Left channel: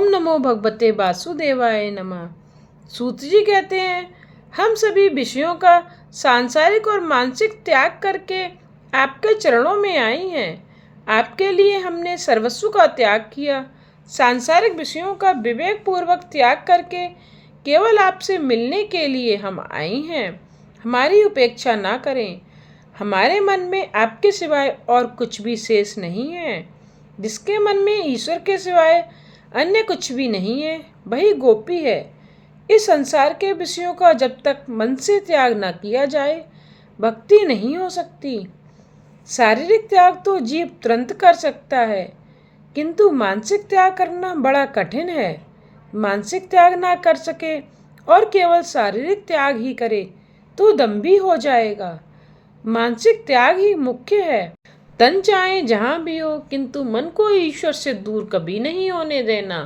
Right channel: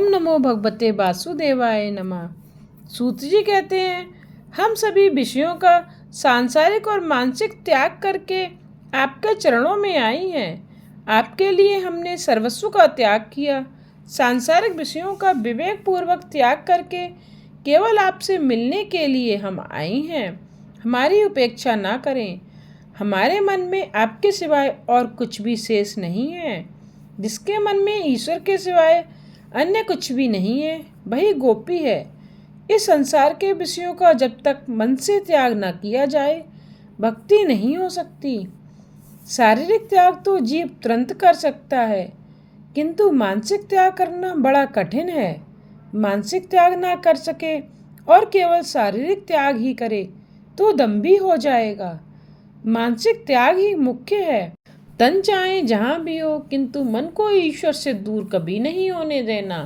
ओम नमो भगवते वासुदेवाय नमः। सूत जी कहते हैं, हम सभी विषयों का सांसारिक और मानसिक त्याग करके आपके चरणों में आई हैं। आपके लिए हमने सर्वस्व का त्याग किया। सांसारिक विषयों का विवेक पूर्वक त्याग करके केवल आपसे मिलने के लिए हम आई हैं। हमारी उपेक्षा ना करें। हमारे मन में आपके सिवाय और कुछ भी शेष नहीं है। जिसके मन में ईश्वर के सिवाय अन्य कुछ भी नहीं है, वही गोपी है। इस संसार के विषयों का जब तक मन से त्याग न किया जाए, भक्ति नहीं हो सकती। शारीरिक त्याग तो जीव तुरंत कर सकता है, किंतु मानसिक त्याग करना बड़ा कठिन है। मानसिक त्याग ना कर सके और केवल शारीरिक त्याग ही करे तो दंभी हो जाएगा। मानसिक त्याग ही मुख्य है। तन चाहे जहाँ भी हो, किंतु मन को ईश्वर से दूर कभी नहीं होने देना।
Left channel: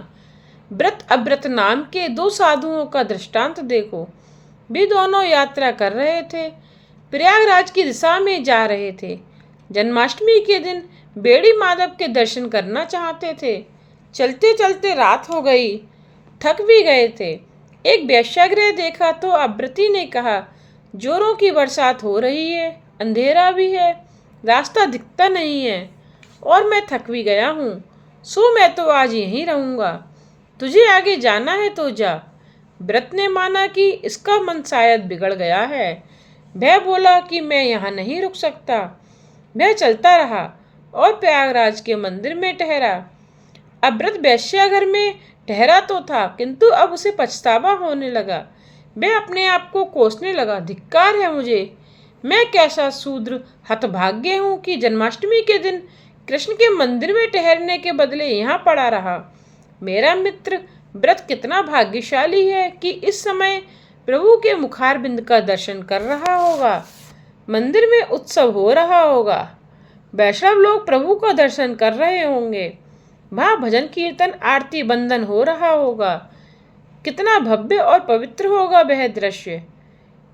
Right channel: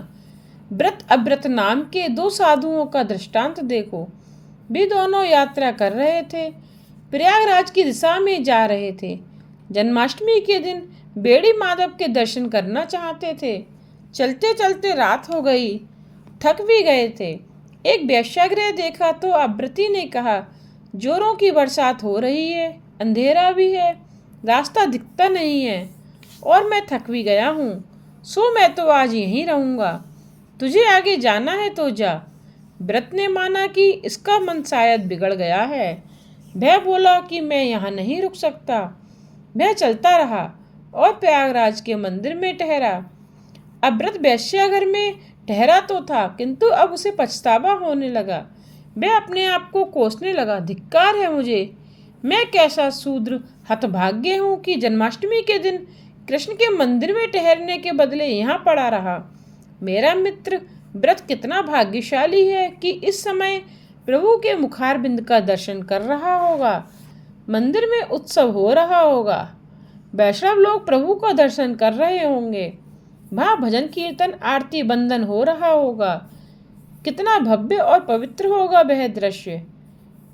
व्रत अव्रत नाम के दो साधुओं का दृष्टांत देखो। वे दोनों यात्रा कर रहे थे, प्रयागराज की दिशा में जा रहे थे। जन्माष्टमी के दिन बेड़ी माधव के दर्शन करना चाहते थे। चलते चलते रात हो गई, थक भी गए थे। एक वेश्यागृह देखा तो अव्रती ने कहा, जोरों की बरसात हो रही है, अंधेरा भी है, रास्ता दिखता नहीं है और मैं थक भी गया हूँ, सो मैं तो आज यहीं रहूँगा। तुझे आगे जाना है तो जा। व्रत ने माना कि इसका मन शायद बिगड़ गया है। वह बोला कि मैं यहाँ नहीं रुक सकता। वह चलता रहा और प्रयागराज के मंदिर में ठहरा। अव्रत वेश्याघर में ठहरा तो था, किंतु अब उसे पछतावा होने लगा। वह अपने आप को कोसने लगा, धिक्कार है मुझे, मैं कैसा शूद्र हतभाग्य हूँ कि जन्माष्टमी के दिन कृष्ण के मंदिर में ठहरने के बदले यहाँ पड़ा रहा। मेरा मित्र व्रत कितना भाग्यशाली है कि इस समय प्रभु के मुखारबिंद का दर्शन कर रहा होगा। मंदिर में उत्सव हो रहा होगा, वैष्णव लोग प्रभु का दर्शन कर रहे होंगे, वहाँ भजन कीर्तन आरती बंदन हो रहा होगा। कितना भव्य और पवित्र होगा वह दृश्य।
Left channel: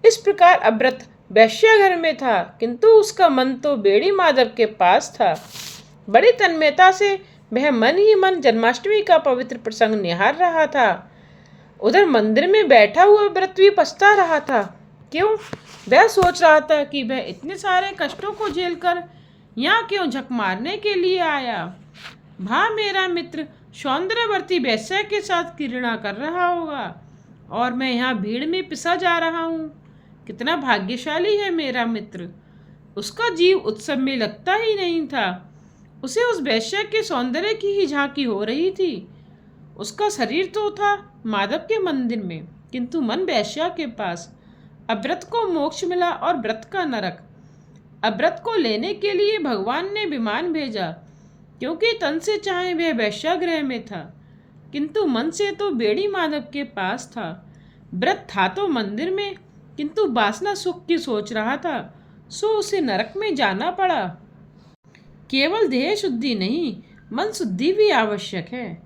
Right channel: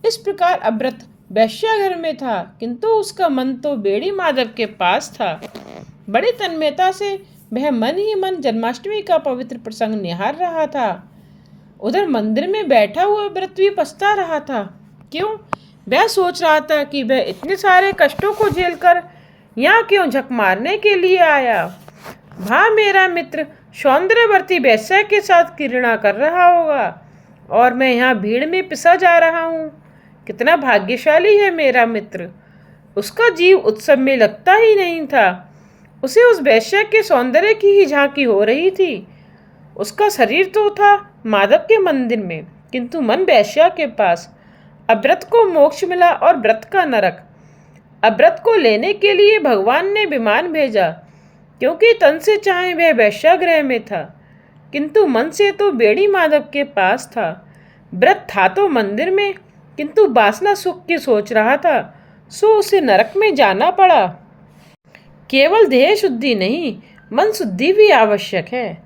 इस प्रकार अव्रत वेश्याघर में था, किंतु उसका मन तो बेड़ी माधव के पास था। बड़ी तन्मयता से वह मन ही मन जन्माष्टमी का पवित्र प्रसंग निहार रहा था। उधर मंदिर में बैठा हुआ व्रत भी पछता रहा था। क्यों? वह सोच रहा था कि वह इतने सारे कष्टों को झेलकर यहाँ क्यों झक मारने के लिए आया। वहाँ मेरा मित्र सौंदर्यवर्ती वैश्या के साथ क्रीड़ा कर रहा होगा और मैं यहाँ भीड़ में पिसा जा रहा हूँ। कितना भाग्यशाली है मेरा मित्र। उसका जीव उत्सव में लगता ही नहीं था। उसे उस वैश्या के सौंदर्य की ही झांकी हो रही थी। उसका शरीर तो था माधव के मंदिर में, किंतु मन वैश्या के पास। अव्रत को मोक्ष मिला और व्रत का नरक। अव्रत को लेने के लिए भगवान ने विमान भेजा, क्योंकि तन से चाहे वह वैश्यागृह में था, किंतु मन से तो बेड़ी माधव के पास था। व्रत था तो मंदिर में, किंतु वासना सुख की सोच रहा था, सो उसे नरक में जाना पड़ा। केवल देह शुद्धि नहीं, मन शुद्धि भी आवश्यक है।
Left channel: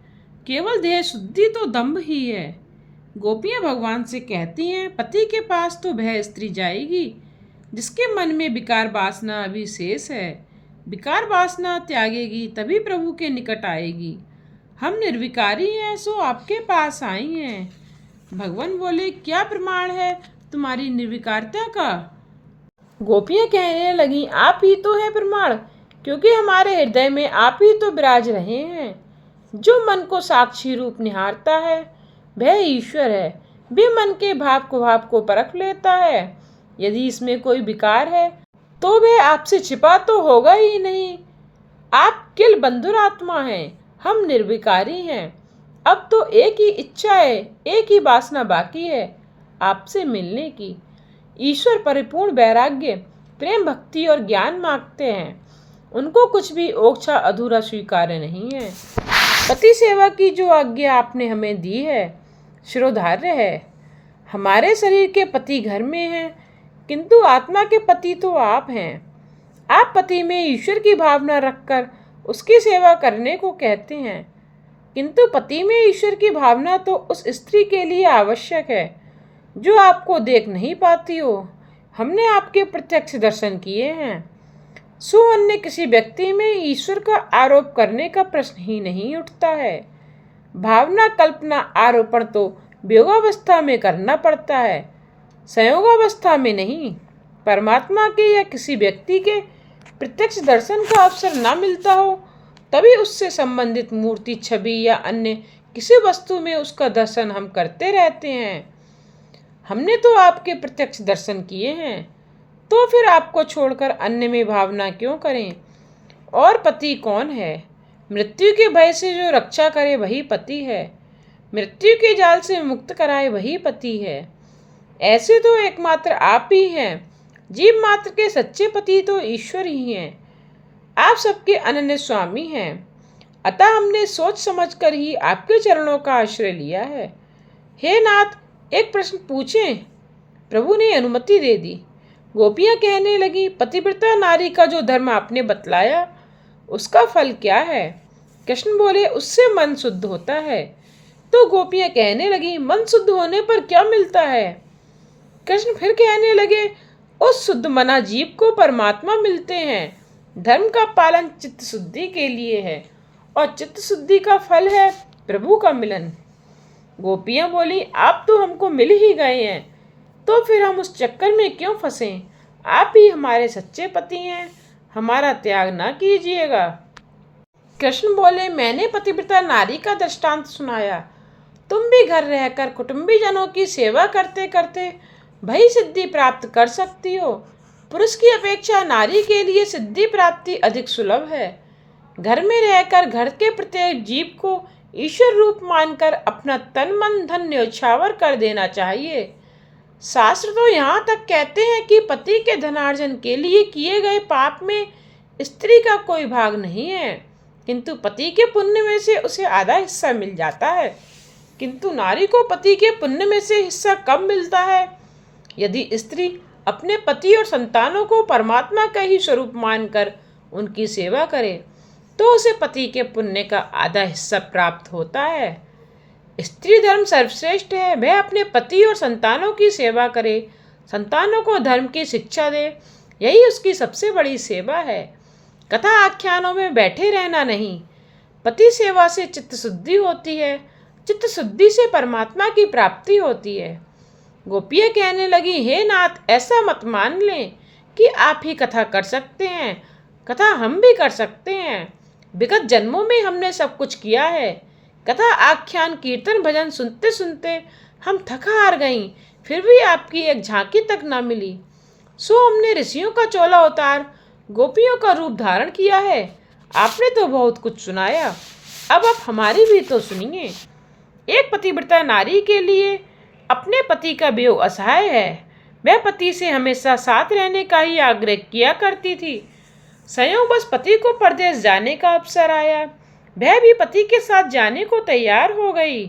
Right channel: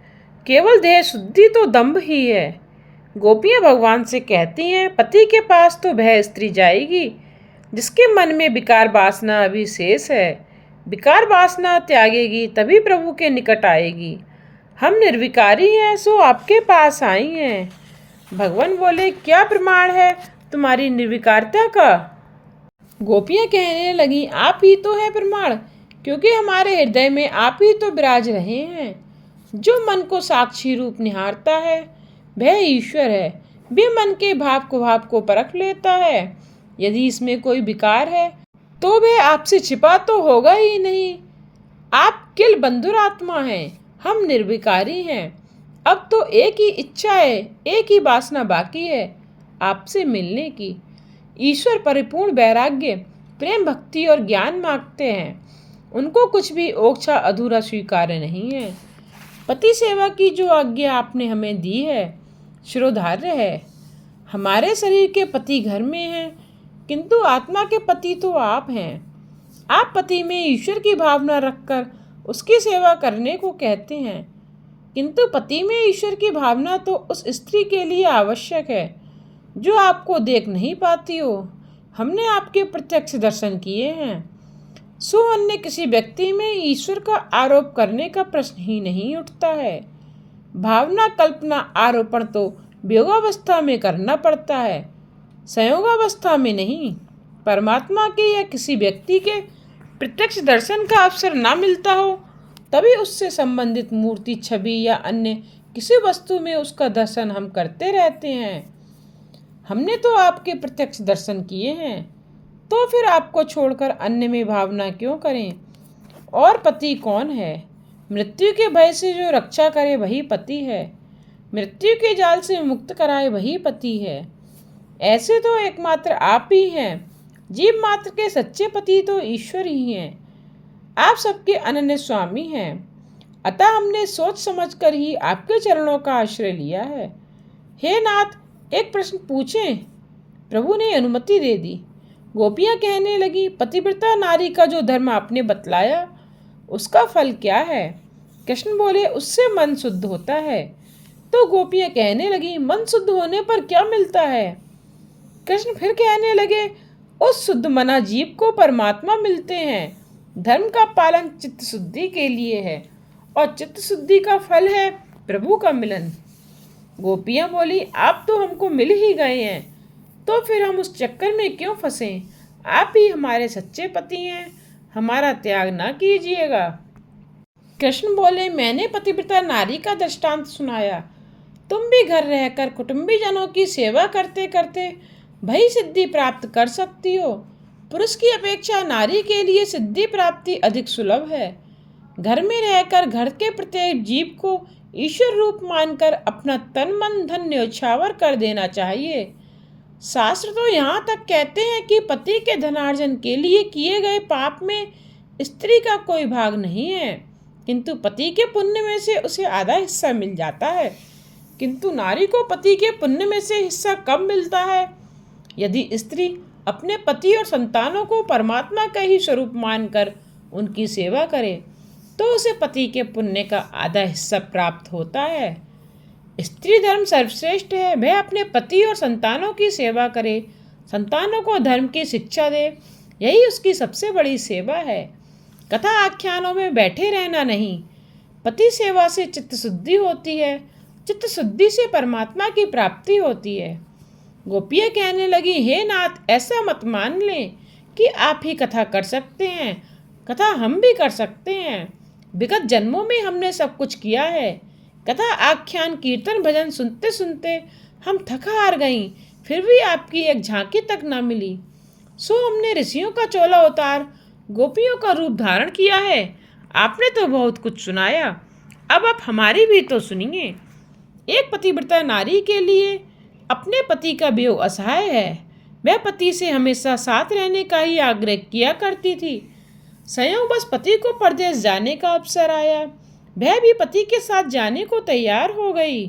केवल देह शुद्धि तो दंभ ही है। गोपियाँ भगवान से कहती हैं, पति के पास तो वह स्त्री जाएगी जिसके मन में विकार वासना अभी शेष है। विकार वासना त्यागेगी तभी प्रभु के निकट आएगी। हम निर्विकारी हैं, सो आपके पास आई हैं। भगवान बोले, क्या प्रमाण है तुम्हारी निर्विकारता का? गोपियाँ कहने लगी, आप ही तो है प्रमाण, क्योंकि हमारे हृदय में आप ही तो विराज रहे हैं। जो मन को साक्षी रूप निहारता है वह ईश्वर है। वे मन के भाव को परख लेता है। यदि इसमें कोई विकार है तो वह आपसे छिपा तो होगा ही नहीं। आप किल बंधुर आत्मा हैं, हम निर्विकारी हैं। अब तो एक ही इच्छा है, एक ही वासना बाकी है, आपसे मिलने की। ईश्वर परिपूर्ण वैराग्य, प्रेम, भक्ति और ज्ञान मांगते हैं। उनको कुछ भी ओछा अधूरा स्वीकार्य नहीं है। पति सेवा की जो आज्ञा आपने हमें दी है शिरोधार्य है। हमारे शरीर के पति घर में हैं, किंतु आत्मा के पति तो आप हैं। आप पति में ईश्वर की भावना रखकर उसकी सेवा करने को कहते हैं, किंतु पति में ईश्वर की भावना तो उस स्त्री के लिए आवश्यक है जो आपको देख नहीं पाती हो। हमने आपके प्रत्यक्ष दर्शन किए हैं, सो अन्य किसी व्यक्ति में ईश्वर का आरोप करने का प्रश्न ही नहीं उठता है। भावना, कल्पना, आरोपण तो वियोगावस्था में करना पड़ता है, संयोगावस्था में नहीं। परमात्मा के या किसी व्यक्ति के प्रत्यक्ष दर्शन का अवसर ना मिलता हो तभी उससे संबंधित मूर्ति, छवि या अन्य किसी वस्तु में उसका दर्शन हम करते रहते हैं। हमने तो आपके प्रत्यक्ष दर्शन किए हैं, तो फिर आपको छोड़कर अन्य में भावना क्यों करें? और पति कौन है? मृत्यु के भय से जो रक्षा करे वही पति है। मृत्यु के जाल से मुक्त कराए वही पति है। ऐसे तो एकमात्र आप ही हैं। जीव मात्र के सच्चे पति तो ईश्वर ही हैं। आप सबके अनन्य स्वामी हैं। अतः हमने सोच समझकर ही आपके चरणों का आश्रय लिया है। हे नाथ, एक प्रश्न पूछें? प्रभु ने अनुमति दे दी। गोपियां कहने लगी, पतिव्रता नारी का जो धर्म आपने बतलाया उसका फल क्या है? कृष्ण बोले, उससे मन शुद्ध होता है। तो गोपियां कहने लगी, मन शुद्ध होने पर क्या मिलता है? कृष्ण फिर कहने लगे, उस शुद्ध मना जीव को परमात्मा मिलते हैं। धर्म का पालन चित्त शुद्धि के लिए है और चित्त शुद्धि का फल है प्रभु का मिलन। गोपियां बोली, आप तो हमको मिल ही गए हैं, तो फिर हम उस चक्कर में क्यों फंसें? आप ही हमारे सच्चे पति हैं, हमारा त्याग ना कीजिएगा। कृष्ण बोले, मैंने पतिव्रता नारी का दृष्टांत सुनाया। तुम भी घर रहकर कुटुंबी जनों की सेवा करते करते भई सिद्धि प्राप्त कर सकती हो। पुरुष की अपेक्षा नारी के लिए सिद्धि प्राप्ति अधिक सुलभ है। घर में रहकर घर के प्रत्येक जीव को ईश्वर रूप मानकर अपना तन मन धन न्यौछावर कर देना चाहिए। शास्त्र तो यहाँ तक कहते हैं कि पति के धनार्जन के लिए किए गए पाप में स्त्री का कोई भाग नहीं है, किंतु पति के पुण्य में से उसे आधा हिस्सा मिल जाता है। किंतु नारी को पति के पुण्य में से हिस्सा कब मिलता है? यदि स्त्री अपने पति और संतानों को परमात्मा का ही स्वरूप मानकर उनकी सेवा करे तो उसे पति के पुण्य का आधा हिस्सा प्राप्त होता है। स्त्री धर्म सर्वश्रेष्ठ है। वह अपने पति और संतानों की सेवा करे, संतानों को धर्म की शिक्षा दे, यही उसकी सबसे बड़ी सेवा है। कथा आख्यानों में बैठे रहना नहीं। पति सेवा से चित्त शुद्धि होती है, चित्त शुद्धि से परमात्मा की प्राप्ति होती है। गोपियाँ कहने लगी, हे नाथ, ऐसा मत मान लें कि आप ही कथा कर सकते हैं। कथा हम भी कर सकते हैं। विगत जन्मों में हमने सब कुछ किया है। कथा आख्यान कीर्तन भजन सुनते सुनते हम थक हार गईं, फिर भी आपकी एक झांकी तक ना मिली। सो हमने ऋषियों का चोला उतार गोपियों का रूप धारण किया है। आपने तो बहुत कुछ सुनाया, अब आप हमारी भी तो सुनिए। एक पतिव्रता नारी के लिए अपने पति का वियोग असहाय है। वह पति से हमेशा साथ रहने का ही आग्रह किया करती थी। संयोगवश पति को परदेश जाने का अवसर आया, वह भी पति के साथ जाने को तैयार हो गई।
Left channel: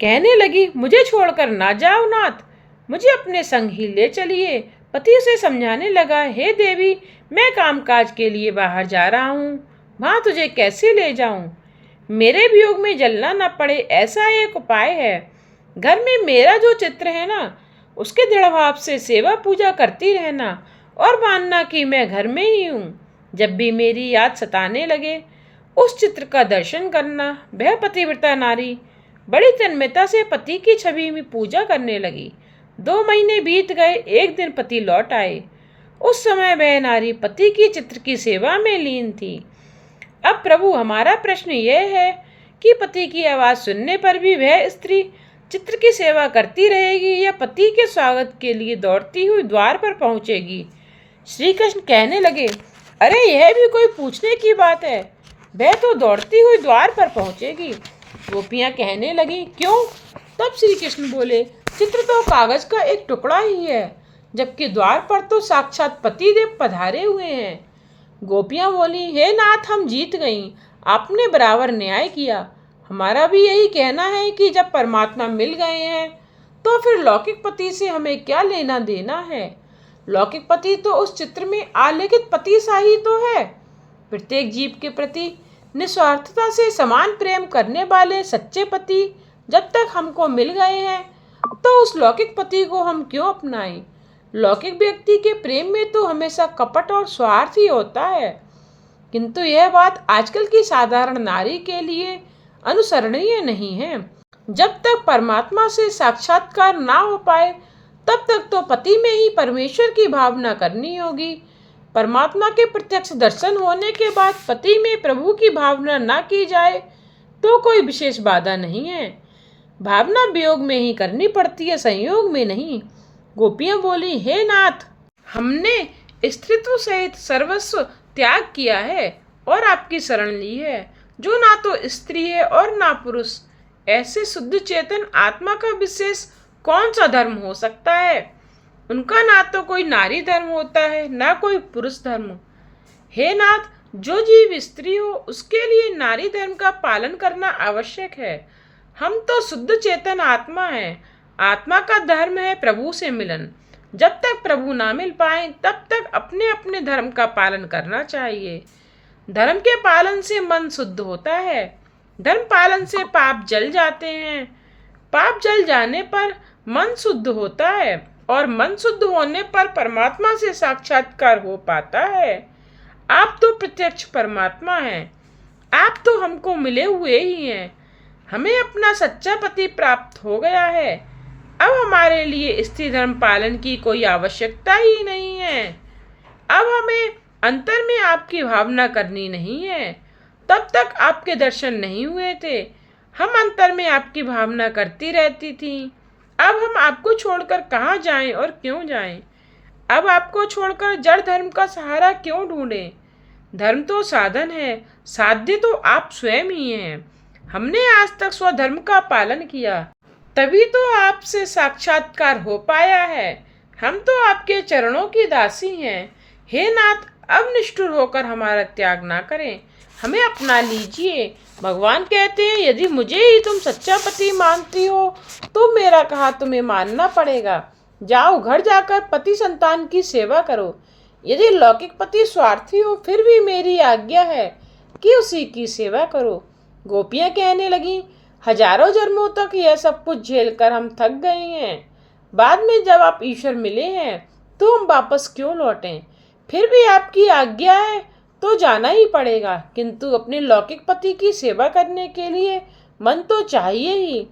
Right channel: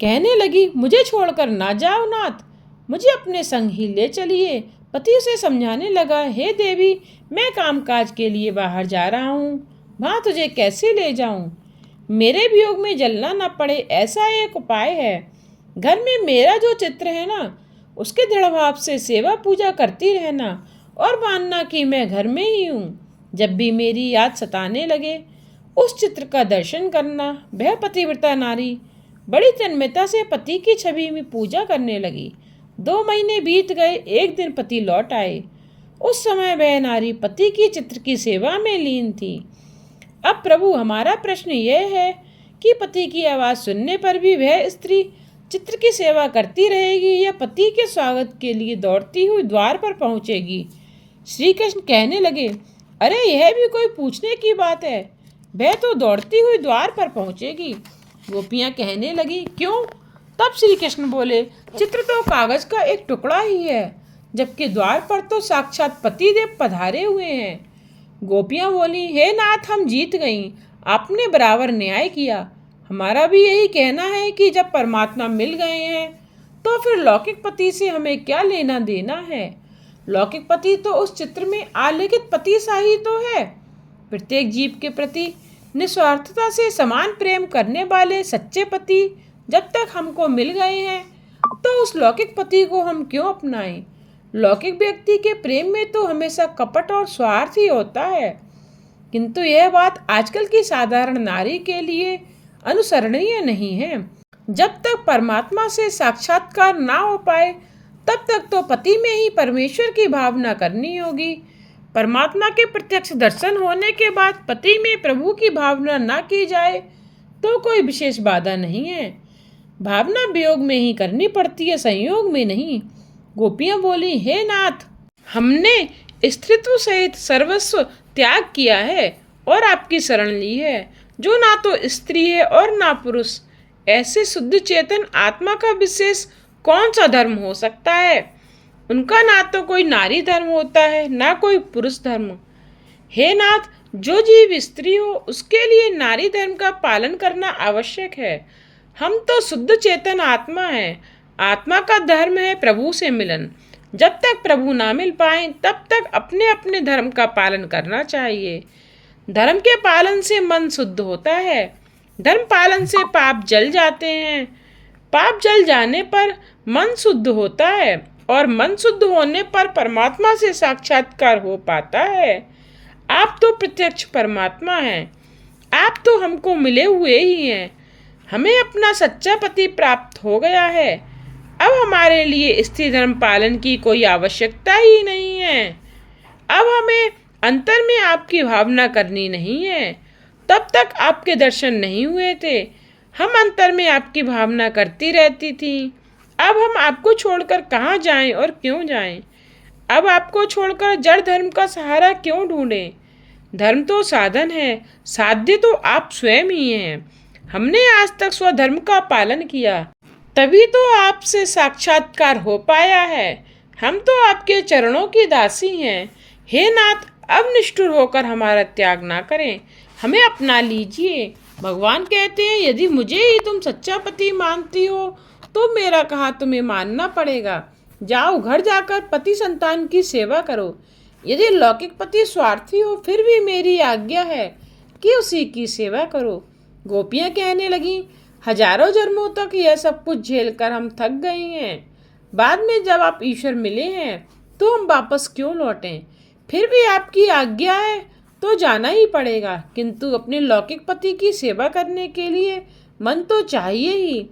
कहने लगी, मुझे छोड़कर ना जाओ नाथ, मुझे अपने संग ही ले चलिए। पति उसे समझाने लगा, हे देवी, मैं कामकाज के लिए बाहर जा रहा हूँ, वहाँ तुझे कैसे ले जाऊँ? मेरे वियोग में जलना न पड़े ऐसा एक उपाय है। घर में मेरा जो चित्र है ना, उसके दृढ़ भाव से सेवा पूजा करती रहना और मानना कि मैं घर में ही हूँ। जब भी मेरी याद सताने लगे उस चित्र का दर्शन करना। वह पतिव्रता नारी बड़ी तन्मयता से पति की छवि में पूजा करने लगी। 2 महीने बीत गए। एक दिन पति लौट आए। उस समय वह नारी पति की चित्र की सेवा में लीन थी। अब प्रभु, हमारा प्रश्न यह है कि पति की आवाज़ सुनने पर भी वह स्त्री चित्र की सेवा करती रहेगी या पति के स्वागत के लिए दौड़ती हुई द्वार पर पहुंचेगी? श्री कृष्ण कहने लगे, अरे यह भी कोई पूछने की बात है? वह तो दौड़ती हुई द्वार पर पहुंचेगी। गोपियां कहने लगी, क्यों? तब श्री कृष्ण बोले, चित्र तो कागज का एक टुकड़ा ही है, जबकि द्वार पर तो साक्षात पतिदेव पधारे हुए हैं। गोपियां बोली, हे नाथ, हम जीत गईं, आपने बराबर न्याय किया। हमारा भी यही कहना है कि जब परमात्मा मिल गए हैं तो फिर लौकिक पति से हमें क्या लेना देना है। लौकिक पति तो उस चित्र में आलेखित पति सा ही तो है। प्रत्येक जीव के प्रति निस्वार्थता से समान प्रेम करने वाले सच्चे पति जब तक हमको मिल गए हैं तो उस लौकिक पति को हम क्यों अपनाएं? लौकिक व्यक्ति के प्रेम में तो हमेशा कपट और स्वार्थ ही होता है। किंतु यह बात आजकल की साधारण नारी के लिए अनुसरणीय नहीं है। जब तक परमात्मा से साक्षात्कार ना हो पाए तब तक तो पति में ही परमेश्वर की भावना करनी होगी। परमात्मा के प्रत्यक्ष दर्शन होने के बाद पति में प्रभु की भावना ना की जाए तो कोई विशेष बाधा नहीं है। भावना वियोग में ही करनी पड़ती है, संयोग में नहीं। गोपियां बोली, हे नाथ, हमने स्त्रीत्व सहित सर्वस्व त्याग किया है और आपकी शरण ली है, जो ना तो स्त्री है और ना पुरुष। ऐसे शुद्ध चेतन आत्मा का विशेष कौन सा धर्म हो सकता है? उनका ना तो कोई नारी धर्म होता है ना कोई पुरुष धर्म। हे नाथ, जो जीव स्त्री हो उसके लिए नारी धर्म का पालन करना आवश्यक है। हम तो शुद्ध चेतन आत्मा है। आत्मा का धर्म है प्रभु से मिलन। जब तक प्रभु ना मिल पाए तब तक अपने अपने धर्म का पालन करना चाहिए। धर्म के पालन से मन शुद्ध होता है। धर्म पालन से पाप जल जाते हैं। पाप जल जाने पर मन शुद्ध होता है और मन शुद्ध होने पर परमात्मा से साक्षात्कार हो पाता है। आप तो प्रत्यक्ष परमात्मा हैं। आप तो हमको मिले हुए ही हैं। हमें अपना सच्चा पति प्राप्त हो गया है। अब हमारे लिए स्त्री धर्म पालन की कोई आवश्यकता ही नहीं है। अब हमें अंतर में आपकी भावना करनी नहीं है। तब तक आपके दर्शन नहीं हुए थे। हम अंतर में आपकी भावना करती रहती थी। अब हम आपको छोड़कर कहाँ जाएं और क्यों जाएं? अब आपको छोड़कर जड़ धर्म का सहारा क्यों ढूंढें? धर्म तो साधन है, साध्य तो आप स्वयं ही हैं। हमने आज तक स्वधर्म का पालन किया, तभी तो आपसे साक्षात्कार हो पाया है। हम तो आपके चरणों की दासी हैं। हे नाथ, अब निष्ठुर होकर हमारा त्याग ना करें, हमें अपना लीजिए। भगवान कहते हैं, यदि मुझे ही तुम सच्चा पति मानती हो तो मेरा कहा तुम्हें मानना पड़ेगा। जाओ, घर जाकर पति संतान की सेवा करो। यदि लौकिक पति स्वार्थी हो फिर भी मेरी आज्ञा है कि उसी की सेवा करो। गोपियां कहने लगी, हजारों जन्मों तक यह सब कुछ झेलकर हम थक गए हैं। बाद में जब आप ईश्वर मिले हैं तो हम वापस क्यों लौटें? फिर भी आपकी आज्ञा है तो जाना ही पड़ेगा, किंतु अपने लौकिक पति की सेवा करने के लिए मन तो चाहिए ही।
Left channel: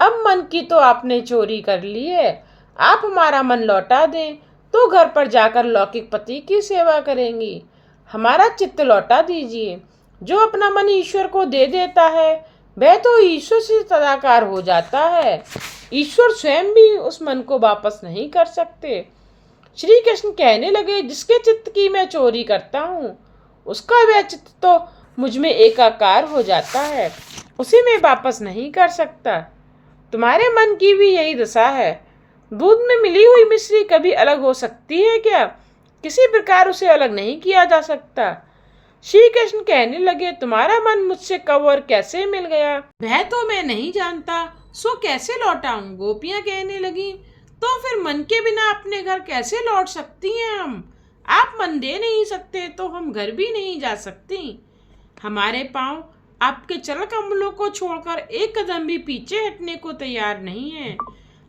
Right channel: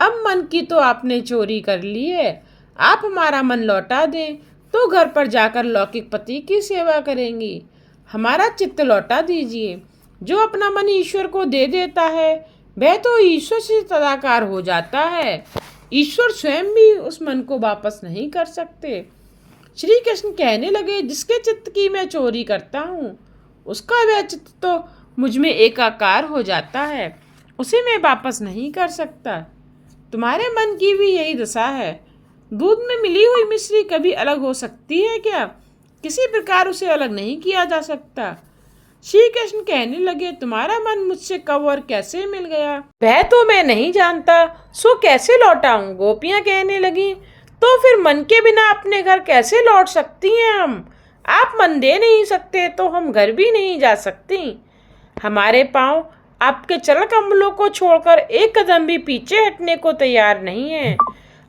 अब मन की तो आपने चोरी कर ली है। आप हमारा मन लौटा दें तो घर पर जाकर लौकिक पति की सेवा करेंगी। हमारा चित्त लौटा दीजिए। जो अपना मन ईश्वर को दे देता है वह तो ईश्वर से तदाकार हो जाता है। ईश्वर स्वयं भी उस मन को वापस नहीं कर सकते। श्री कृष्ण कहने लगे, जिसके चित्त की मैं चोरी करता हूँ उसका वह चित्त तो मुझ में एकाकार हो जाता है, उसे मैं वापस नहीं कर सकता। तुम्हारे मन की भी यही दशा है। दूध में मिली हुई मिश्री कभी अलग हो सकती है क्या? किसी प्रकार उसे अलग नहीं किया जा सकता। श्री कृष्ण कहने लगे, तुम्हारा मन मुझसे कब और कैसे मिल गया वह तो मैं नहीं जानता, सो कैसे लौटाऊं? गोपियां कहने लगी, तो फिर मन के बिना अपने घर कैसे लौट सकती हैं हम? आप मन दे नहीं सकते तो हम घर भी नहीं जा सकती। हमारे पाँव आपके चरण कमलों को छोड़कर एक कदम भी पीछे हटने को तैयार नहीं है।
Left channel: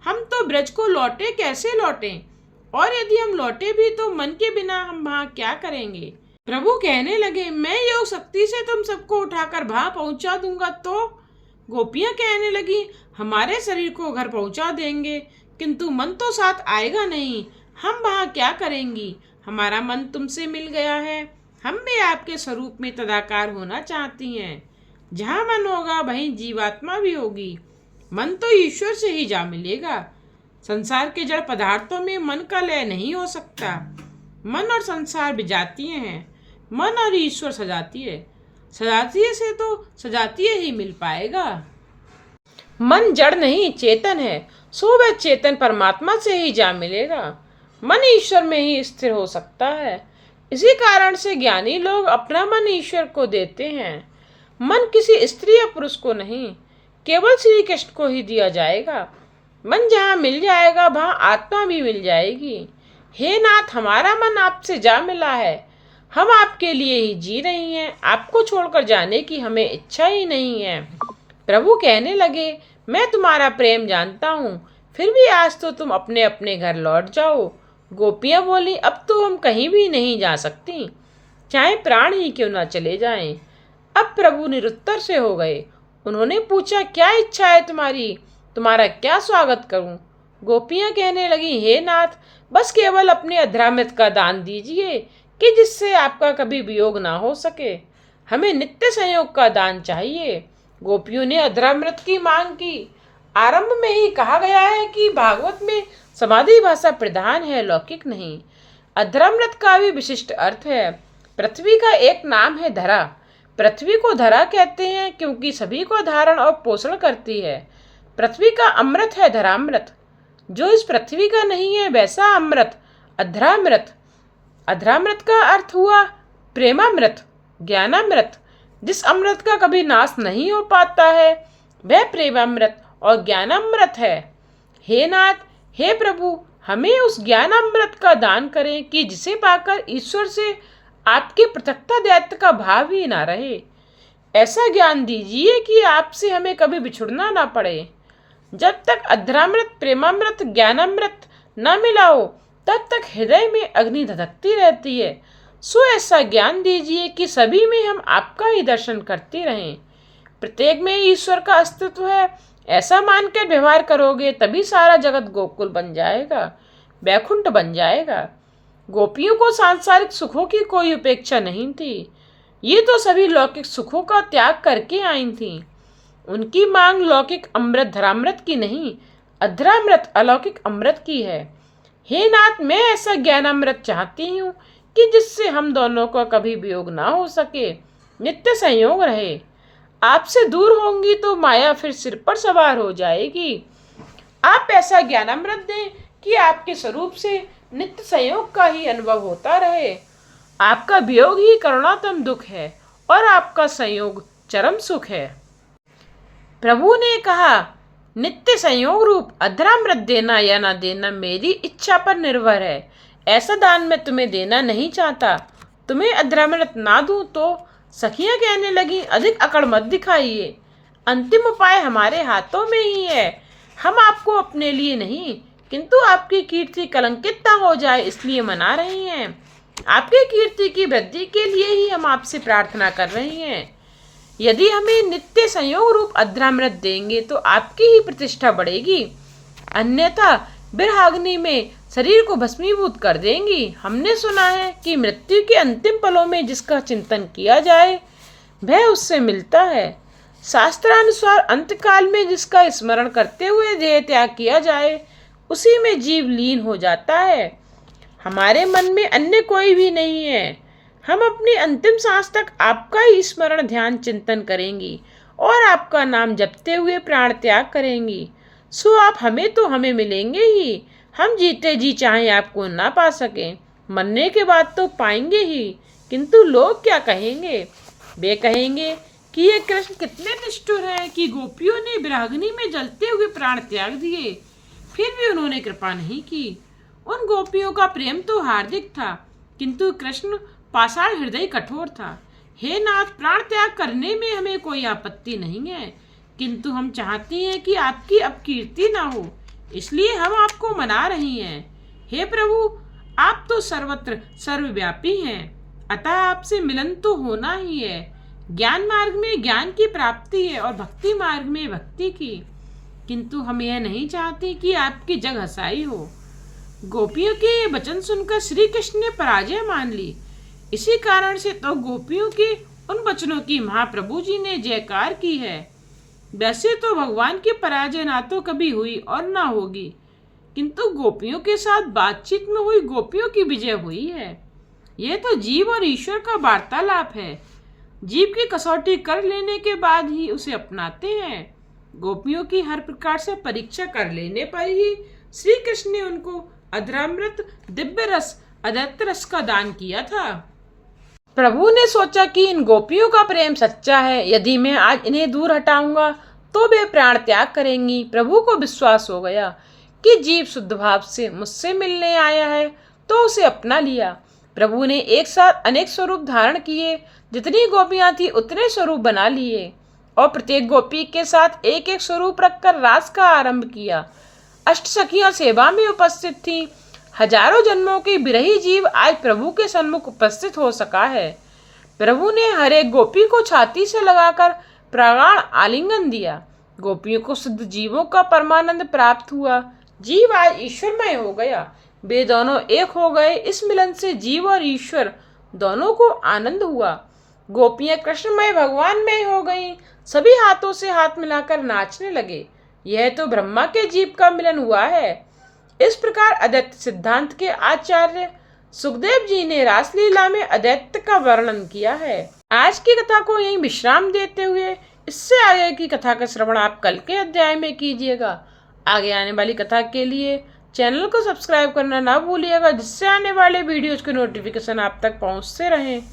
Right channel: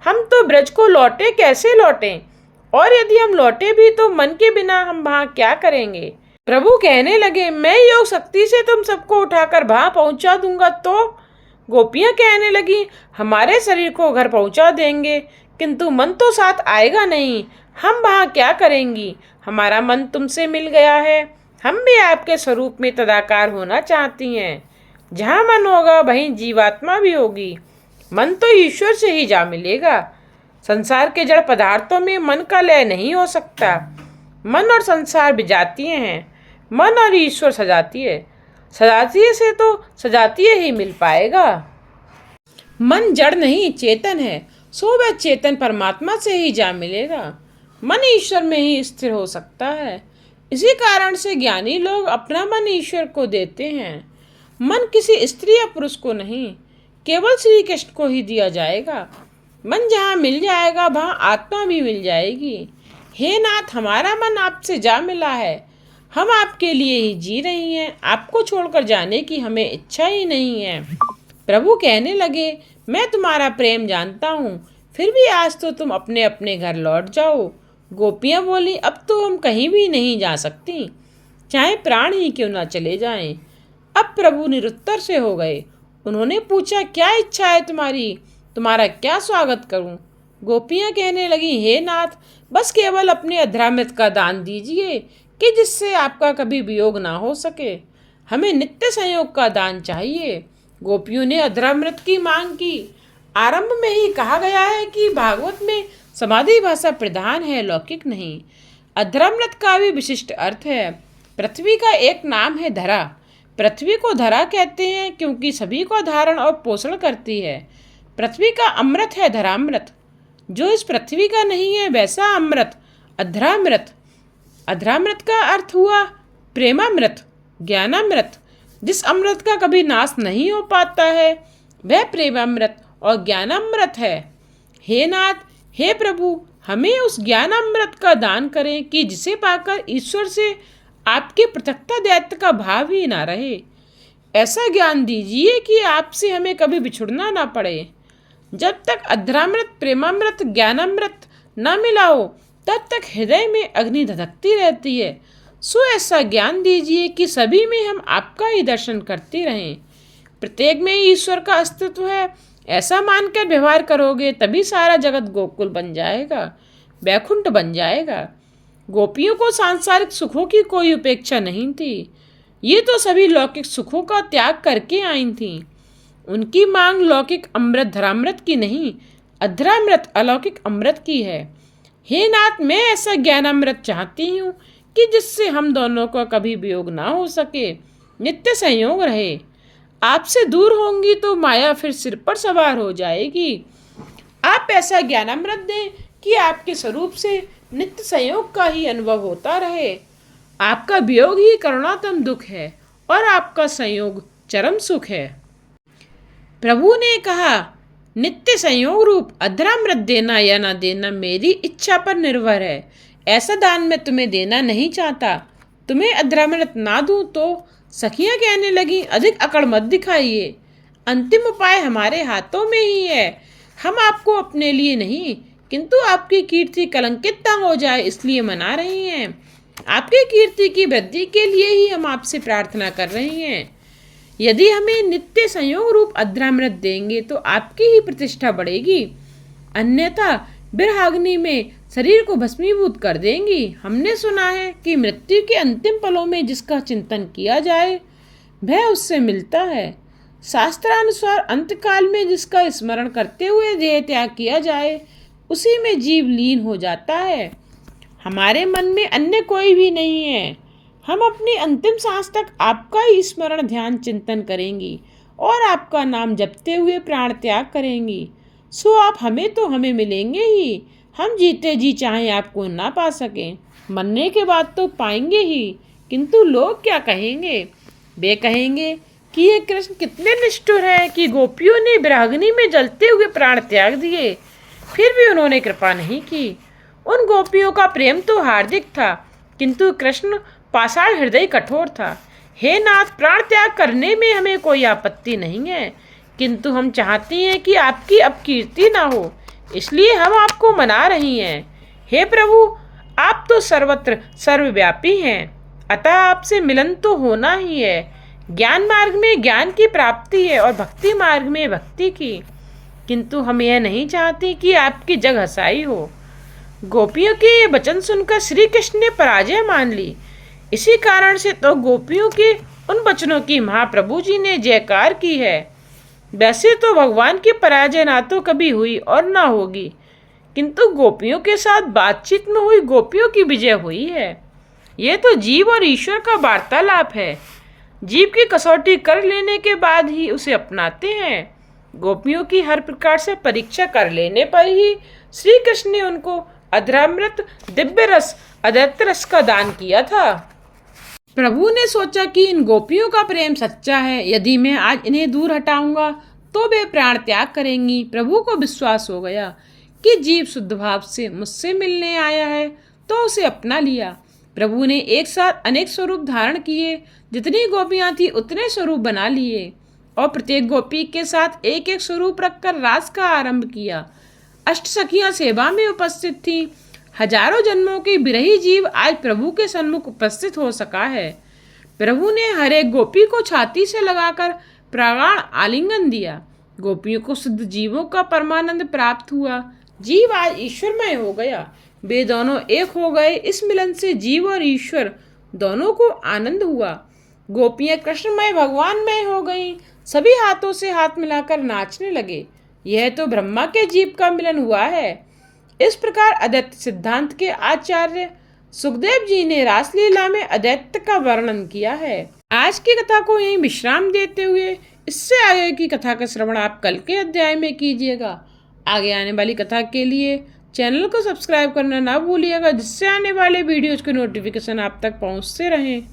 हम तो ब्रज को लौटे कैसे लौटें? और यदि हम लौटे भी तो मन के बिना हम वहाँ क्या करेंगे? प्रभु कहने लगे, मैं योग शक्ति से तुम सबको उठाकर वहाँ पहुँचा दूंगा। तो गोपियाँ कहने लगी, हमारे शरीर को घर पहुँचा देंगे किंतु मन तो साथ आएगा नहीं। हम वहाँ क्या करेंगी? हमारा मन तुमसे मिल गया है। हम भी आपके स्वरूप में तदाकार होना चाहती हैं। जहाँ मन होगा वहीं जीवात्मा भी होगी। मन तो ईश्वर से ही जा मिलेगा। संसार के जड़ पदार्थों में मन का लय नहीं हो सकता। मन और संसार विजातीय हैं, मन और ईश्वर सजातीय। सजातीय से तो सजातीय ही मिल पाएगा। मन जड़ नहीं चेतन है, सो वह चेतन परमात्मा से ही जा मिलेगा। मन ईश्वर में ही स्थिर हो सकता है। इसी कारण से ज्ञानी लोग अपना मन ईश्वर को देते हैं। मन किसी स्त्री या पुरुष को नहीं, केवल श्री कृष्ण को ही दिया जाएगा। मन जहाँ मिल जाएगा वहाँ आत्मा भी मिल जाएगी। हे नाथ, हमारा मन आपसे जा मिला है। हम आपके लिए ही जी रही हैं। आपको छोड़कर जाने की हमें इच्छा ही नहीं है। प्रभु कहने लगे, मैं तुम्हारा प्रेम जानता हूँ, फिर भी आज तो तुम अपने अपने घर लौट जाओ। गोपियाँ बोली, अब तो हम कहीं भी नहीं जा सकती, चाहे प्राण ही क्यों ना चले जाएं। अब प्रभु निरुत्तर से हो गए। उन्होंने पूछा, क्या इच्छा है तुम्हारी? तुम्हारा क्या स्वागत करूं? गोपियां कहने लगी, हे नाथ, बस केवल अपने अधरामृत का दान दीजिए कि जिससे आपका कभी वियोग ना हो सके। हमें नित्य संयोग का दान चाहिए। गोपियों ने अधरामृत की मांग की। आरंभ में ही कहा गया है कि भागवत में समाधि भाषा प्रधान है, लौकिक नहीं। अधरामृत का भी विशिष्ट अर्थ है। पृथ्वी का एक नाम है धरा। पृथ्वी को धरा कहते हैं क्योंकि सभी को धारण और पोषण करती है। पृथ्वी का अमृत है धरामृत। जो इस पृथ्वी का नहीं है वैसा अमृत अधरामृत। अधरामृत का अर्थ हुआ प्रेमामृत, ज्ञानामृत। जिस अमृत का कभी नाश नहीं हो पाता है वह प्रेमामृत और ज्ञानामृत है। हे नाथ, हे प्रभु, हमें उस ज्ञानामृत का दान करें कि जिसे पाकर ईश्वर से आपके पृथकता दैत्य का भाव ही ना रहे। ऐसा ज्ञान दीजिए कि आपसे हमें कभी बिछुड़ना ना पड़े। जब तक अधरामृत, प्रेमामृत, ज्ञानामृत न मिला हो तब तक हृदय में अग्नि धधकती रहती है। सो ऐसा ज्ञान दीजिए कि सभी में हम आपका ही दर्शन करते रहें। प्रत्येक में ईश्वर का अस्तित्व है, ऐसा मानकर व्यवहार करोगे तभी सारा जगत गोकुल बन जाएगा, वैकुंठ बन जाएगा। गोपियों को सांसारिक सुखों की कोई उपेक्षा नहीं थी। ये तो सभी लौकिक सुखों का त्याग करके आई थीं। उनकी मांग लौकिक अमृत धरामृत की नहीं, अधरामृत अलौकिक अमृत की है। हे नाथ, मैं ऐसा ज्ञानामृत चाहती हूँ कि जिससे हम दोनों का कभी वियोग ना हो सके, नित्य संयोग रहे। आपसे दूर होंगी तो माया फिर सिर पर सवार हो जाएगी। आप ऐसा ज्ञानामृत दें कि आपके स्वरूप से नित्य संयोग का ही अनुभव होता रहे। आपका वियोग ही करुणातम दुख है और आपका संयोग चरम सुख है। प्रभु ने कहा, नित्य संयोग रूप अधरामृत देना या ना देना मेरी इच्छा पर निर्भर है। ऐसा दान मैं तुम्हें देना नहीं चाहता। तुम्हें अधरामृत ना दूं तो? सखियां कहने लगी, अधिक अकड़ मत दिखाइए। अंतिम उपाय हमारे हाथों में ही है। हम आपको अपने लिए नहीं किंतु आपकी कीर्ति कलंकित न हो जाए इसलिए मना रही हैं। आपकी कीर्ति की वृद्धि के लिए ही हम आपसे प्रार्थना कर रही हैं। यदि हमें नित्य संयोग रूप अधरामृत देंगे तो आपकी ही प्रतिष्ठा बढ़ेगी, अन्यथा बिरहाग्नि में शरीर को भस्मीभूत कर देंगी। हमने सुना है कि मृत्यु के अंतिम पलों में जिसका चिंतन किया जाए वह उससे मिलता है। शास्त्रानुसार अंतकाल में जिसका स्मरण करते हुए देह त्याग किया जाए उसी में जीव लीन हो जाता है। हमारे मन में अन्य कोई भी नहीं है। हम अपनी अंतिम सांस तक आपका ही स्मरण ध्यान चिंतन करेंगी और आपका नाम जपते हुए प्राण त्याग करेंगी। सो आप हमें तो हमें मिलेंगे ही। हम जीते जी चाहे आपको ना पा सकें, मरने के बाद तो पाएंगे ही। किंतु लोग क्या कहेंगे? वे कहेंगे कि ये कृष्ण कितने निष्ठुर हैं कि गोपियों ने विरागिनी में जलते हुए प्राण त्याग दिए, फिर भी उन्होंने कृपा नहीं की। उन गोपियों का प्रेम तो हार्दिक था किंतु कृष्ण पाषाण हृदय कठोर था। हे नाथ, प्राण त्याग करने में हमें कोई आपत्ति नहीं है, किंतु हम चाहती हैं कि आपकी अपकीर्ति ना हो, इसलिए हम आपको मना रही हैं। हे प्रभु, आप तो सर्वत्र सर्वव्यापी हैं, अतः आपसे मिलन तो होना ही है। ज्ञान मार्ग में ज्ञान की प्राप्ति है और भक्ति मार्ग में भक्ति की, किंतु हम यह नहीं चाहती कि आपकी जग हंसाई हो। गोपियों के ये वचन सुनकर श्री कृष्ण ने पराजय मान ली। इसी कारण से तो गोपियों के उन वचनों की महाप्रभु जी ने जयकार की है। वैसे तो भगवान की पराजय ना तो कभी हुई और ना होगी, किंतु गोपियों के साथ बातचीत में हुई गोपियों की विजय हुई है। यह तो जीव और ईश्वर का वार्तालाप है। जीव की कसौटी कर लेने के बाद ही उसे अपनाते हैं। गोपियों की हर प्रकार से परीक्षा कर लेने पर ही श्री कृष्ण ने उनको अधरामृत, दिव्य रस, अद्वैत रस का दान किया था। प्रभु ने सोचा कि इन गोपियों का प्रेम सच्चा है, यदि मैं आज इन्हें दूर हटाऊंगा तो वे प्राण त्याग करेंगी। प्रभु को विश्वास हो गया कि जीव शुद्ध भाव से मुझसे मिलने आया है तो उसे अपना लिया। प्रभु ने एक साथ अनेक स्वरूप धारण किए, जितनी गोपियां थी उतने स्वरूप बना लिए और प्रत्येक गोपी के साथ एक एक स्वरूप रखकर रास का आरंभ किया। अष्ट सखियां सेवा में उपस्थित थीं। हजारों जन्मों के विरही जीव आज प्रभु के सन्मुख उपस्थित हो सका है। प्रभु ने हर एक गोपी को छाती से लगाकर प्रगाढ़ आलिंगन दिया। गोपियों को सिद्ध जीवों का परमानंद प्राप्त हुआ। जीव आज ईश्वरमय हो गया। वे दोनों एक हो गए। इस मिलन से जीव और ईश्वर दोनों को आनंद हुआ। गोपियां कृष्णमय भगवानमय हो गईं। सभी हाथों से हाथ मिलाकर नाचने लगे। यह तो ब्रह्मा के जीव का मिलन हुआ है। इस प्रकार अद्वैत सिद्धांत के आचार्य सुखदेव जी ने रासलीला में अद्वैत का वर्णन किया है। आज की कथा को यहीं विश्राम देते हुए इससे आगे की कथा का श्रवण आप कल के अध्याय में कीजिएगा। आगे आने वाली कथा के लिए चैनल को सब्सक्राइब करना ना भूलिएगा, जिससे आने वाले वीडियोज के नोटिफिकेशन आप तक पहुंचते रहें।